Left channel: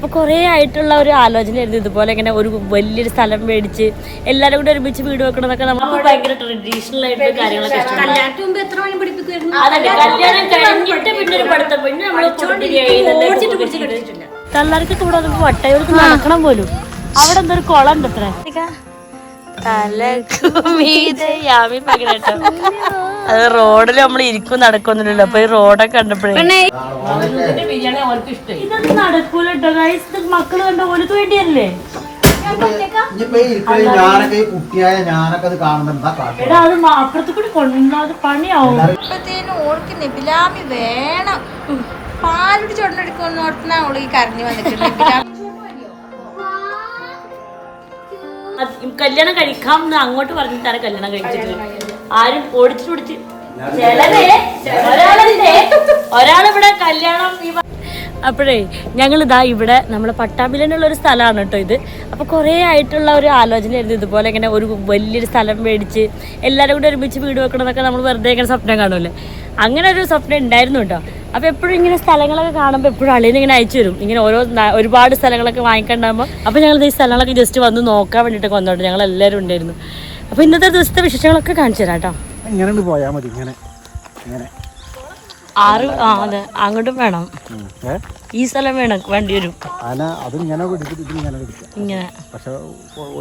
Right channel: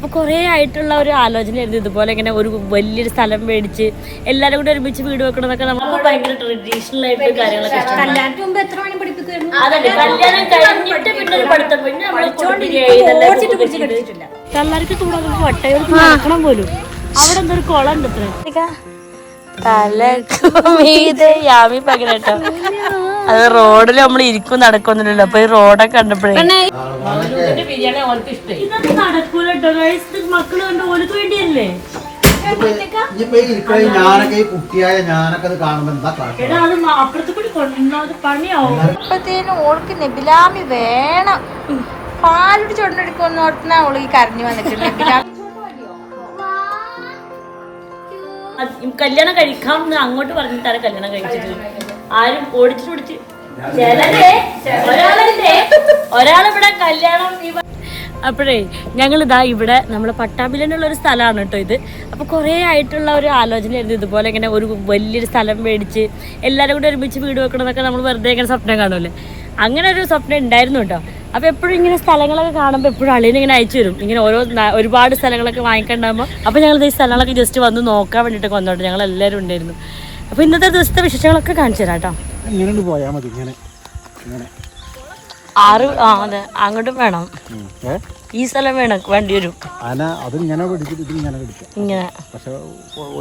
അപ്പൊ കുറെ ആയിട്ടുള്ള ഒരു ആലോചനയായിരുന്നു ഇതുപോലെ ഇങ്ങനെ ഒരു വലിയൊരു സ്ഥലം മേടിച്ച് എല്ലാരും കൂടെ ഒരുമിച്ച് വീട് വെക്കണമെന്നൊക്കെ നമുക്ക് ഭയങ്കര ട്രഡീഷണൽ ആയിട്ട് കാര്യങ്ങളൊക്കെ ഇഷ്ടമാണ് അതന്നെ കല്യാണം കഴിഞ്ഞിട്ട് പിന്നെ ഒരു പഠിത്തം. പിന്നെ നമ്മൾ തള്ളാർക്കൊക്കെ ഇവിടെ വന്നപ്പോ വട്ടയൂർക്ക് നടക്കണം പോലും. അവിടെ എന്തൊരു ഒരു കുളം ഉണ്ട് അത്ര പകരട്ടോ അത് റോഡിൽ നമ്മൾ ഇരിക്കും നടക്കൊന്നുമില്ലല്ലോ അപ്പൊ ഈ റോഡൊക്കെ കണ്ടപ്പോഴേ. മക്കൾ കണ്ട വേണ്ടിയല്ലേ? ഓൾക്ക് നെബിലാമി വേണം. പാലുടി ചൊണ്ടെടുക്കുന്ന ഓട്ടന ഓൾ ഈ കരഞ്ഞു വന്നിട്ട് കല്യാണം കഴിക്കാം എന്ന് അങ്ങോട്ട് പറഞ്ഞിട്ടാണ് കല്യാണം കഴിച്ചിട്ട് ആരും ഓടിച്ചിട്ട് ഒരാളിവിടെ കല്യാണം അപ്പോഴേ ഞങ്ങൾ ഇതാ ഇവിടെ നമ്മുടെ പട്ടാമ്പിലെന്നുള്ള ഒരു സ്ഥലമാണ് കേട്ടോ ഇത്. അപ്പോൾ കുറേ ആയിട്ടുള്ള ഒരു ആലോചനയായിരുന്നു ഇതുപോലെ ഇങ്ങനെ ഒരു വലിയൊരു സ്ഥലം മേടിച്ച് എല്ലാവരും കൂടെ ഒരുമിച്ച് വീട് വെക്കണമെന്നൊക്കെ നമ്മൾ വെറുതെ ഇങ്ങനെ സ്വപ്നം കാണുമല്ലോ അങ്ങനെ ഒരു സ്വപ്നം ഉണ്ടായിരുന്നു കേട്ടോ. അപ്പോൾ എപ്പോഴും ഇങ്ങനെ സ്ഥലങ്ങളൊക്കെ കാണുമ്പോൾ എപ്പോഴും അളിയൻ ഇങ്ങനെ അയച്ചു തരും. ഇങ്ങനെ ഓരോ ഒരുപാട് സ്ഥലങ്ങളൊക്കെ വാങ്ങിക്കണ്ടാകുമ്പോൾ അപ്പോൾ ഞങ്ങൾ ഈ സ്ഥലങ്ങളൊക്കെ ജസ്റ്റ് വന്ന് നോക്കാൻ വേണ്ടിട്ട് വന്നോട്ടെ ഞങ്ങൾ എല്ലാവരും ഉണ്ടായിരുന്നു. അപ്പോൾ ഇന്നത്തെ ദിവസത്തെ വിശേഷങ്ങളൊക്കെ കാണിച്ചു തരാം കേട്ടോ. ഇങ്ങനെ മതി ഇങ്ങനെ ഇങ്ങനെ. ആറ് ആ അതെ. അങ്ങോട്ടും വേണം. ഈ സ്ഥലം വേണം വേണ്ടി വരും. അല്ല അത് ഇങ്ങനെ പിടിച്ചിട്ട് ഇത് ഇങ്ങനെ പിടിക്കാം ഇങ്ങനെ. പക്ഷെ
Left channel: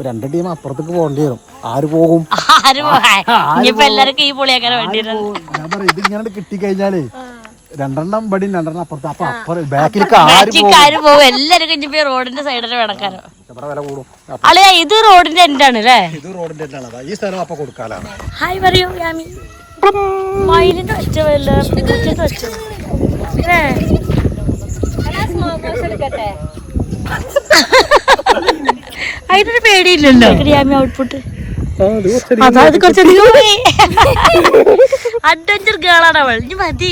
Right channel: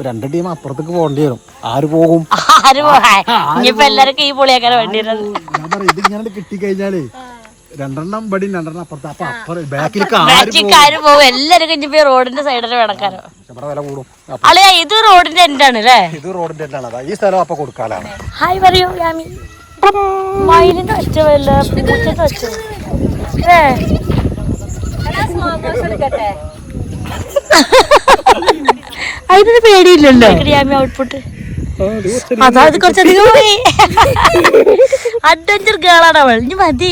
രണ്ട് ടീം അപ്പുറത്തേക്ക് പോകേണ്ടി വരും. ആര് പോകും? ആര് പോകാൻ? ഇനിയിപ്പോ എല്ലാവർക്കും ഈ പൊളിയാക്കാൻ വേണ്ടി വരും ഞാൻ പറയാം ഇത് ഇങ്ങനെ കിട്ടിക്കഴിഞ്ഞാലേ രണ്ടെണ്ണം ബടി രണ്ടെണ്ണം അപ്പുറത്ത്. അപ്പൊ അപ്പുറം ബാക്കിലേക്ക് ആര് പോകും. എല്ലാരും എല്ലാവരും റോഡിന്റെ സൈഡിൽ വേണക്കാരോ വില കൂടും. അപ്പൊ ഇത് റോഡിന്റെ എന്താണ് ആണ് അല്ലേ? ഇത് റോഡിന്റെ എന്താണ് ഈ സ്ഥലം അപ്പൊ കൊടുക്കാനാണ്. ഹായ് പറയൂ യാമി മയിലിന്റെ ഒച്ചവല്ല പൂച്ചന്റെ ഏ. അതിനൊരു പേടിയില്ലല്ലോ. യാമി ഔട്ട്പുട്ട് അതായത് കുറച്ചധികം അഡ്വഞ്ചർ ഗേളാണ് അവൾ. ഇനി മതി.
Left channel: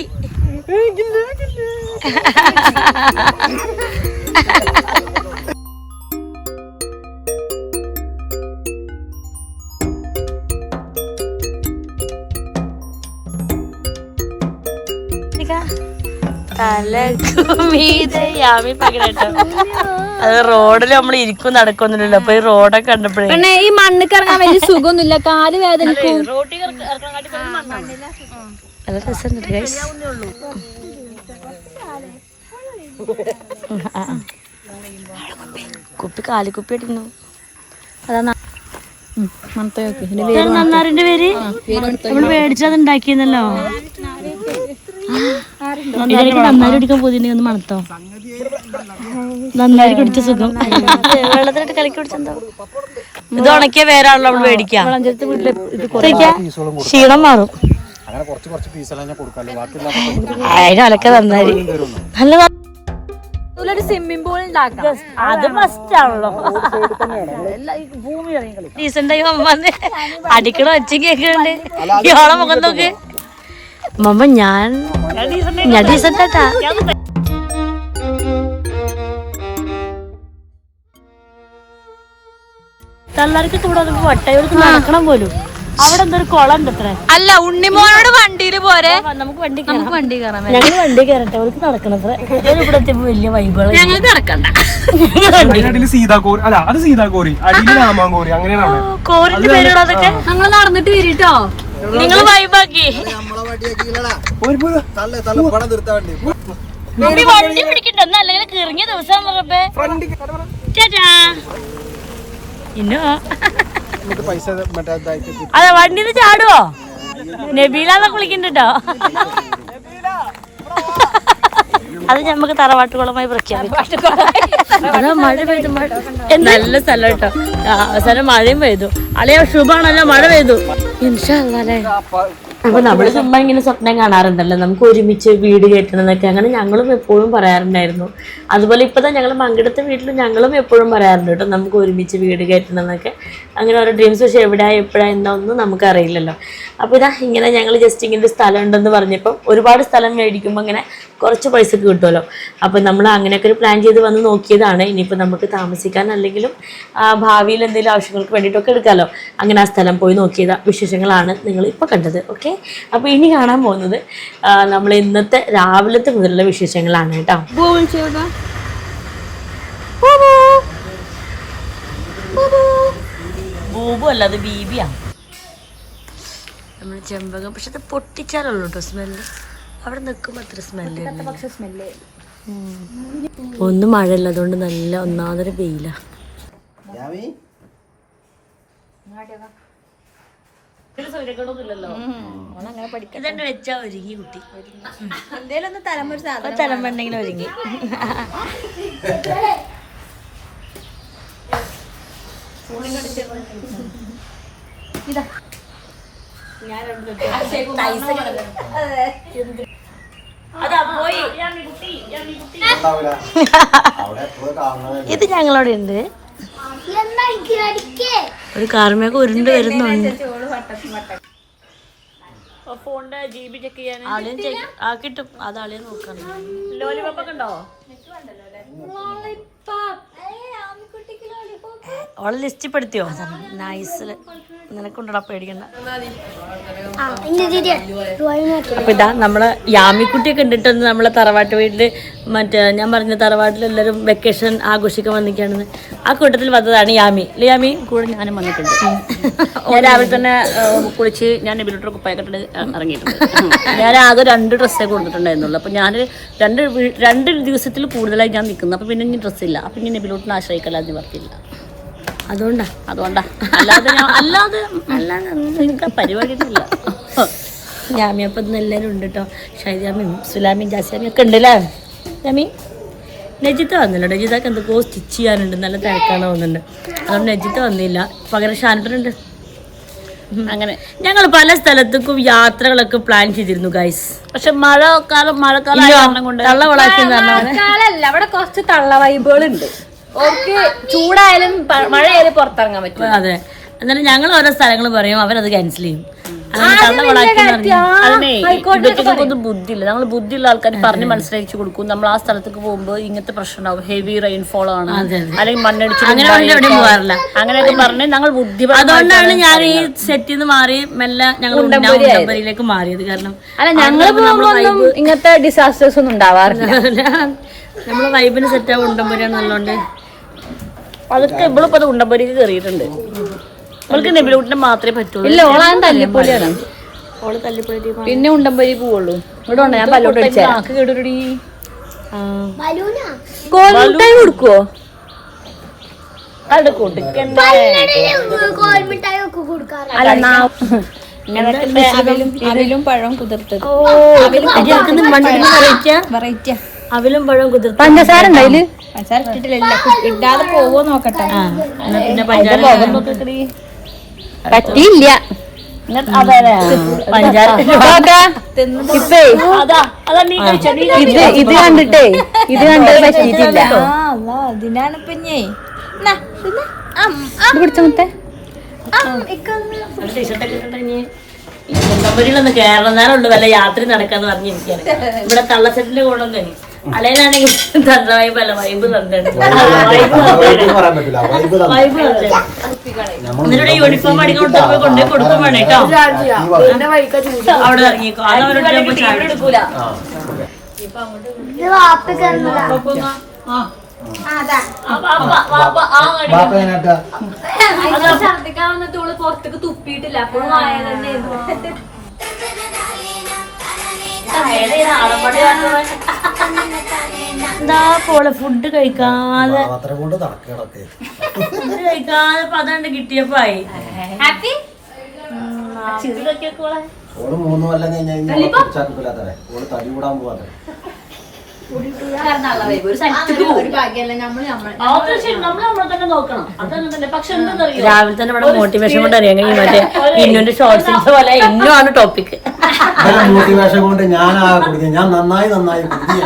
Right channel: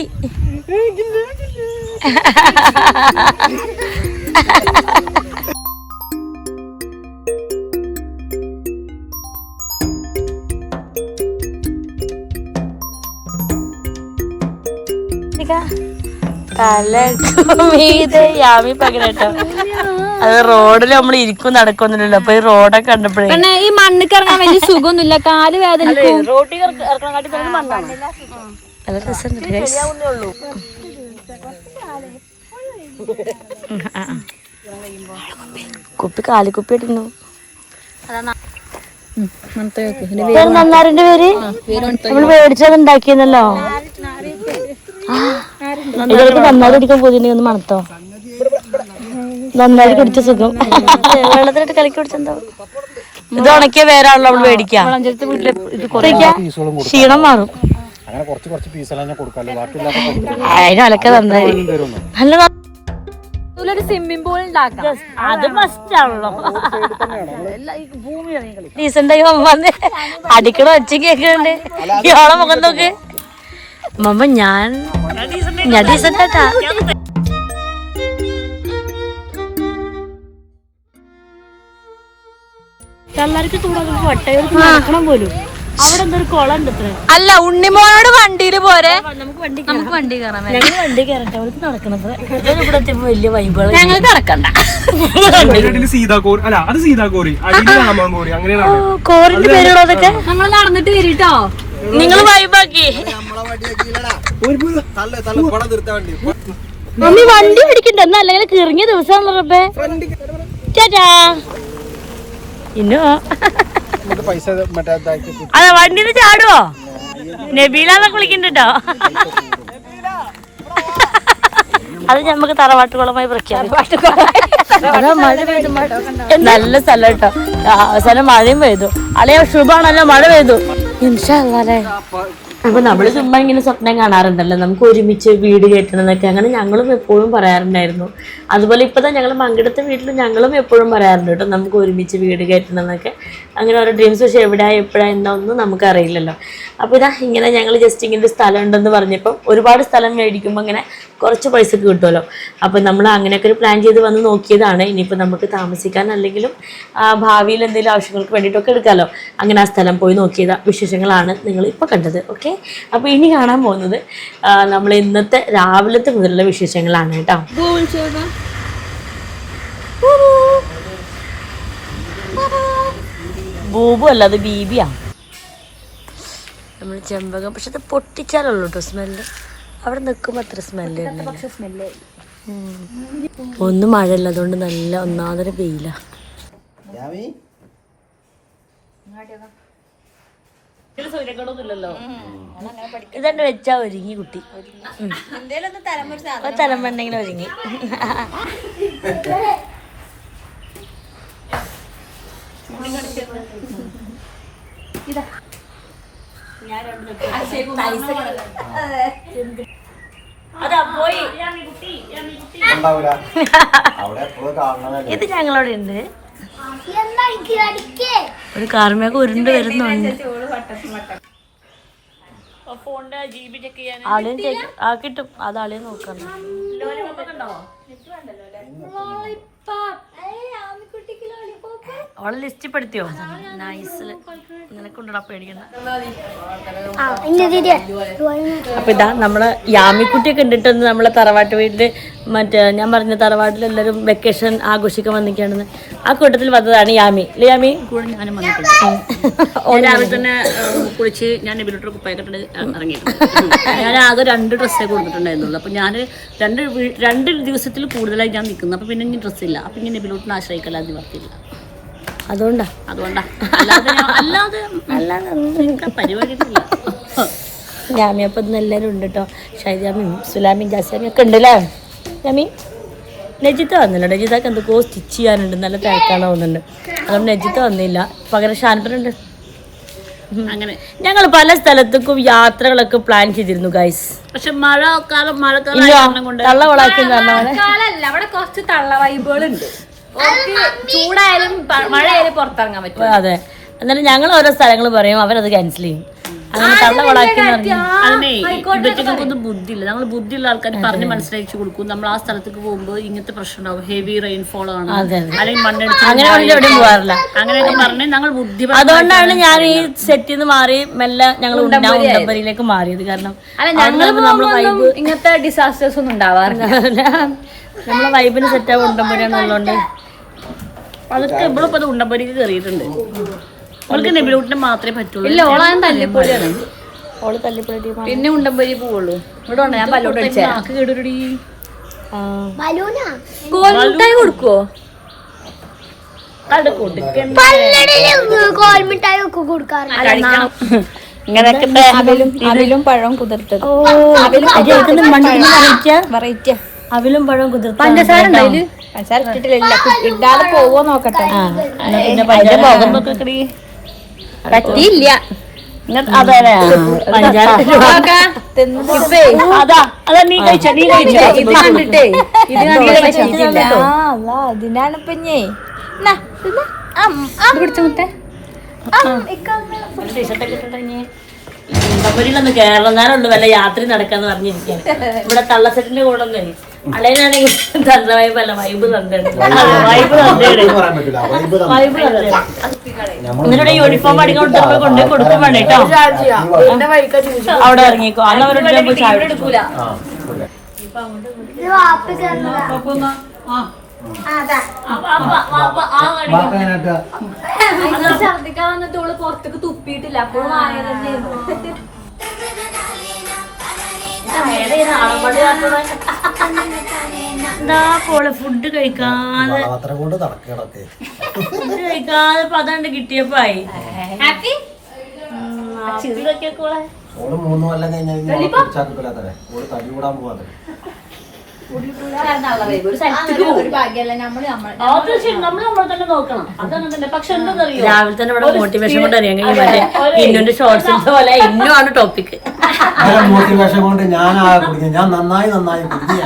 തലമീതെ യാമി പകരട്ടോ അത് റോഡിൽ നമ്മൾ ഇരിക്കും നടക്കൊന്നുമില്ലല്ലോ അപ്പൊ ഈ റോഡൊക്കെ കണ്ടപ്പോഴേ ഈ മണ്ണിക്ക് ഇറങ്ങാൻ വലിയ സുഖമൊന്നുമില്ല. കാൽ വേദനിക്കും. നല്ല രസമുണ്ട് ഗൈസ് കുപ്പി കാലി കുപ്പി കാലിക്കുപ്പി ഇട്ടിരുന്നു നന്നാറിന്റെ പേര്? നമ്മൾ മേടിച്ചത് ഉണ്ടാക്കിയെന്നല്ലോ. ഇതിലേക്ക് നന്നായി കുടിക്കാൻ പോതിനെ ഒന്ന് മണത്തോ. നന്നായി കുടിച്ച സുഖം. വെള്ളത്തിലിട്ട് കലക്കി കുടിച്ചെന്തോ? ഇത് ഉണക്കിയ വേറാണല്ലോ നമ്മൾ മേടിക്കാം. ക്ഷീണം മാറും. അങ്ങനെ കുറച്ച് കുറച്ച് പീസെല്ലാം ഞാൻ കൊടുക്കാല്ലേ ബാക്കിയുള്ള അതിനൊലക്കെ നന്നായി നല്ല ഒരു സ്വിമ്മിംഗ് പൂൾ ഉണ്ടാക്കാം അത് മസ്റ്റ് ആണല്ലോ. ഡീസന്റ് ആയി വന്ന് അടിക്കണ ഒച്ച കേക്കുന്നുണ്ട് ഇയാളെ മുഖം നോക്ക്. മമ്മ ഞാൻ ഞാൻ ഡീസന്റ് ആട്ടാ തള്ളാർക്കൊക്കെ ഇവിടെ വന്നപ്പോ നടക്കണം പോലും. അവിടെ എന്തോ കുളം ഉണ്ട് അത്ര അല്ല ഉണ്ണിമോനോട് വണ്ടിയിൽ പോരെ? നമുക്ക് വണ്ടി നമുക്ക് വണ്ടി കയറാൻ ഞങ്ങൾ വണ്ടി കയറട്ടെ അവർക്ക് നടക്കണത്ര. ഇവിടെ വലിയ ഞങ്ങൾ നടക്കണ്ട. അതിനടിയിൽ സീതാകോറി അല്ല അത് സീതാകോറി അങ്ങനെയാണ് കോറിന്റെ പേരുള്ള അതൊക്കെ? ഞങ്ങൾ നടന്നിട്ട് വരിട്ടോ? നിങ്ങൾ വൈബാക്കി മമ്മി വണ്ടി. പിടിക്കണ്ട എന്നാ അല്ലെങ്കിൽ കിറങ്ങിയ ദിവസം ചേട്ടാ ഇന്നോ? അതെ വണ്ടിന്ന് ചാടുവോ? നബീലാന്നൊക്കെ വിളിക്കണ്ടോ അത് നമുക്ക് തറവാട്ടുകുളമായി പ്രഖ്യാപിക്കാം. നല്ല സ്ഥലം കേട്ടോ. അവസാനം മഴയും പെയ്തു. അളിയ ശുഭാണല്ലോ മഴ പെയ്തു. ഇൻഷാല്ലേ അപ്പൊ നമ്മൾ ചുമ്മാ ഇങ്ങനെ സ്വപ്നം കാണാറുണ്ടല്ലോ. നമുക്ക് ഒരുമിച്ച് വീട് കയറ്റണം എന്നൊക്കെ അങ്ങനെ ഞങ്ങളും എപ്പോഴും പറയാറുണ്ടായിരുന്നു. അതുപോലെ ഇപ്പതാ ഞങ്ങൾ പങ്കെടുത്ത വീട്ടിൽ ഞങ്ങളും എപ്പോഴും പറയാറുണ്ട് കേട്ടോ നമുക്ക് ഒരുമിച്ച് വീട് കയറ്റണം എന്നൊക്കെ അങ്ങനെ ഓരോ ഡ്രീംസ് പക്ഷെ എവിടെയാ എപ്പോഴാ എന്നൊന്നും നമുക്കറിയില്ലല്ലോ. അപ്പോൾ ഇതാ ഇങ്ങനെ ഞങ്ങൾ ജസ്റ്റ് ഇങ്ങനെ ഒരു സ്ഥലം ഉണ്ടെന്ന് പറഞ്ഞപ്പോൾ ഒരുപാട് സ്ഥലം മേടിക്കുമ്പോൾ ഇങ്ങനെ കുറച്ച് പൈസക്ക് കിട്ടുമല്ലോ അപ്പോൾ നമ്മൾ അങ്ങനെയൊക്കെ ഒരു പ്ലാൻ ചെയ്ത് വന്ന് നോക്കിയതാണ്. ഇനിയിപ്പോൾ നമുക്ക് താമസിക്കാൻ അല്ലെങ്കിലും ഭാവിയിൽ എന്തെങ്കിലും ആവശ്യങ്ങൾക്ക് വേണ്ടിയിട്ടൊക്കെ എടുക്കാമല്ലോ അങ്ങനെ ആ സ്ഥലം പോയി നോക്കിയത് വിശേഷങ്ങളാണ് നിങ്ങൾ ഇപ്പോൾ കണ്ടത്. ഓക്കെ? അപ്പോൾ ഇനി കാണാൻ പോകുന്നത് നമ്മൾ ഇന്നത്തെ രാവിലത്തെ മുതലുള്ള വിശേഷങ്ങളാണ് കേട്ടോ. ബൂബു. അല്ല അത് ബീബിയാ. നമ്മൾ ചെമ്പകം പക്ഷെ അത് പൊട്ടിച്ചാലുള്ളൂ കേട്ടോ സ്മെല്ല്. അവിടെ നിൽക്കുമ്പോൾ അത്ര സ്മെല്ല് വരുന്നില്ല. ഒന്നും മഴയില്ല അതുകൊണ്ട് നല്ല ഒന്നാമതൊരു വെയിലാണ് ഇതന്നെ വെച്ചാ ഒരുങ്ങി കുട്ടി. തലമുറ തലമുണ്ടെങ്കിലും ഒരുങ്ങി. ഞാൻ രണ്ട് അതാ. പോയി. ഇത് ഞങ്ങളവിടെ ഉണ്ട്. ഒരു കാർമേക്ക് ഉരുണ്ട് വരുന്നുണ്ട്. ആളിയും ചെക്ക് ആ കിട്ടും. അത് ആളിയെ നോക്കണം. ഓളെ ലിസ്റ്റ് പെടുത്തിയോ നൈസിൽ നിനക്കുണ്ടടാ പേടിക്കണ്ട. അപ്പൊ ഇതാ നമ്മളെ യാമിക്കുട്ടിയൊക്കെ കണ്ടിട്ടുണ്ട് നമ്മളെ തറവാട്ട് വീട്ടിൽ. മറ്റേ ഞാൻ പറഞ്ഞ തറവാട്ടിൽ എല്ലാവരും വെക്കേഷൻ ആഘോഷിക്കാൻ വന്നിരിക്കുകയാണെന്ന്. ആ കൂട്ടത്തിൽ വന്നതാണ് യാമി. അല്ലേ യാമി? കൂടെ ഞാനും വന്നിട്ടുണ്ട്. രാവിലെ തന്നെ കുളിച്ച് ഞാൻ നബിലോട്ട് കുപ്പായക്കെട്ട് ഇറങ്ങിയിട്ടുണ്ട്. ഞാൻ ആകെ രണ്ട് ഡ്രസ്സേ കൊടുത്തിട്ടുണ്ടായിരുന്നുള്ളൂ. അപ്പോൾ ഞാൻ രണ്ട് രണ്ട് ദിവസത്തിൽ കൂടുതലായി ഞാൻ നിൽക്കുന്നു. അപ്പോൾ പിന്നെ ഇനി ഡ്രസ്സില്ല അപ്പോൾ ഇനി നബിലോട്ടിന് ആശ്രയിക്കലാന്ന് നിവർത്തിയില്ല അതുകൊണ്ടാ. അതുകൊണ്ടാ. അല്ലാതെ അല്ലാതെ അല്ലാതെ പരിപാടിയൊന്നുമില്ല. യാമി അപ്പം ഇന്ന് എല്ലാവരും ഉണ്ട് കേട്ടോ ഷൈജാമിയും സുലാമിയും ജാസ്യാമിയും ഒക്കെ ഉണ്ട് അല്ലേ ജാമി നജിത്ത വന്നില്ല നജിതക്ക് എന്തൊക്കെയോ സ്റ്റിച്ച് ചെയ്യാനുണ്ട്. നല്ല തിരക്കാണ് തോന്നുന്നുണ്ട്. അതുകൊണ്ട് നജിത്ത വന്നില്ല. പകരം ഷാൻപനുണ്ട് അങ്ങനെ. ഞങ്ങൾ പല സ്ഥലത്തേക്കും യാത്രകളൊക്കെ പ്ലാൻ ചെയ്തിരുന്നു ഗൈസ് പക്ഷെ മഴക്കാലം മഴക്കാലം ആയ കാരണം അവിടെ കുറച്ച് തള്ള വൈബുകളുണ്ട് ചൂടായാലും മഴയായാലും പുറത്തിറങ്ങാൻ പറ്റും. അതെ. എന്നാലും ഞങ്ങൾ ഓരോ സ്ഥലങ്ങൾ പറയും അവരത് ക്യാൻസൽ ചെയ്യും. അങ്ങനെ തള്ള വളാക്കി പറഞ്ഞു അതിനെ ഇവറ്റക്കൊന്നും ബുദ്ധിയില്ല. നമ്മൾ ബുദ്ധിയുള്ള ആൾക്കാർ പറഞ്ഞ് മനസ്സിലാക്കി കൊടുക്കും. നമ്മൾ ആ സ്ഥലത്തേക്ക് പോകുമ്പോൾ ഇങ്ങനത്തെ പ്രശ്നമാവും ഹെവി റെയിൻഫോൾ ആണ്. അല്ലെങ്കിൽ മണ്ണടിച്ച് അങ്ങനെ എവിടെയും പോകാറില്ല. അങ്ങനെയൊക്കെ പറഞ്ഞ് ഞങ്ങൾ ബുദ്ധി അതുകൊണ്ടാണ് ഞാൻ ഈ സെറ്റിൽ നിന്ന് മാറി മെല്ലെ ഞങ്ങൾ ഉണ്ടമ്പരിയിലേക്ക് മാറിയത്. കാരണം നമ്മളെ വൈബ് ഇങ്ങനത്തെ ഡിസാസ്റ്റേഴ്സ് ഒന്നും ഉണ്ടാവാറില്ല. നമ്മളെ വൈബിന് സെറ്റ് ആവും ഉണ്ടമ്പരിയാന്നുള്ളതുകൊണ്ട് അതൊക്കെ ഇവളിപ്പോ അത് ഉണ്ടമ്പരിക്ക് കയറിയിട്ടുണ്ട് അവൾക്ക് നെബിലൂട്ടിനെ മാത്രമേ പറ്റുള്ളൂ. ഇല്ല തല്ലിപ്പൊളിയാണ് ഓൾ തല്ലിപ്പൊളി പിന്നെ ഉണ്ടമ്പരി പോവുള്ളൂ. ഇവിടെ ഉണ്ട്? ഞാൻ പല്ലോട്ട് കേടൊരുടി കൊടുക്കുവോ? കൊടുക്കണ്ട പഴം കുതിർത്തത്. ഓ വെറൈറ്റിയാ വെറൈറ്റിയാ അവലും പഴം കുതിർത്ത പഞ്ചസാര പഞ്ചസാര ഇട്ടിട്ടില്ല ഇടാതെ പോവോ നോക്കട്ടെ. ആ എന്നാ പിന്നെ പഞ്ചാര പറ്റിയില്ല. പഞ്ചാര ഇത് ഇത് കണ്ടിട്ടേ. ഇത് കണ്ടിട്ട് കേട്ടോ അതിനാണ് ഇപ്പഞ്ഞേ പിടിച്ച മുത്തേ. നമ്പരിലൊന്ന് കയറണം നേരമുണ്ട് വല്ല യാത്ര നടക്കാന്ന് പറഞ്ഞിരിക്കാണ് ഇവിടെ തള്ളസെറ്റിന്റെ കൂടെ കഴിയും അളയനാണെങ്കിൽ തണ്ട വൈബ് അല്ല വൈബ് യൂണിഫോം അടിക്കൊണ്ട് നമ്മൾ കൊണ്ടുപോയി കൊടുക്കും വേണം കേട്ടോ. അവിടെ ഇറങ്ങിക്കോ. അത് അവരോട് ഞാൻ പോയി ചായ എടുക്കൂല ആ, ബാപ്പ എങ്ങനെയാ ഛർദിക്കാൻ വന്നിട്ട് ഓൾ പുറത്തേക്ക് തുപ്പിയിട്ടില്ല. അപ്പോഴും ആയ തന്നെ എന്താ പോളെ ഫുഡ് കഴിക്കാതെ? ഫുഡ് കഴിക്കാതെ ഇപ്പൊ അതാണ്ട് കിട്ടിയപ്പോ ആയി ഹാപ്പി മൂന്ന് കൊല്ലം കഴിഞ്ഞ് കഴിഞ്ഞാൽ തടി കൂടാൻ പോവാതെ രാവിലെ തന്നെ ഇവിടെ മോട്ടിവേഷൻ കൊണ്ട് അറിയാം മറ്റേ ഇന്നുന്റെ ഷോർട്സിന്റെ പോലെ ഇന്നും ആണ് ടോപ്പിക് മോട്ടിവേഷൻ കൊണ്ട് ഞാൻ ഞാൻ നന്നായി നന്നായി കുടിക്കുക